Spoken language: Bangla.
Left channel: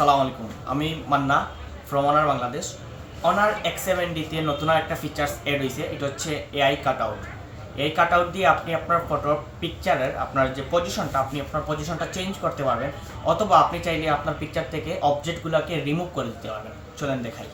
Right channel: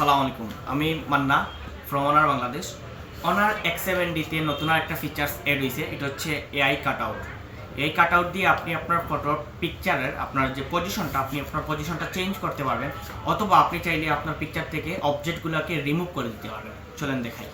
আসসালামু আলাইকুম, আমি Manna from honour Bangladesh. Honour X7D-তে নতুন একটা ফিচার্স এড হয়েছে, এটা হচ্ছে এআই কাটআউট। এই কাটআউট দিয়ে আপনি আপনার ফটোর পিকচারের আপনার যে পজিশনটা, আপনি আপনার পজিশনটা চেঞ্জ করতে পারবেন, অথবা আপনি চাইলে আপনার পিকচার থেকে অবজেক্টগুলোকে রিমুভ করে দিতে পারবেন। চলেন দেখাই।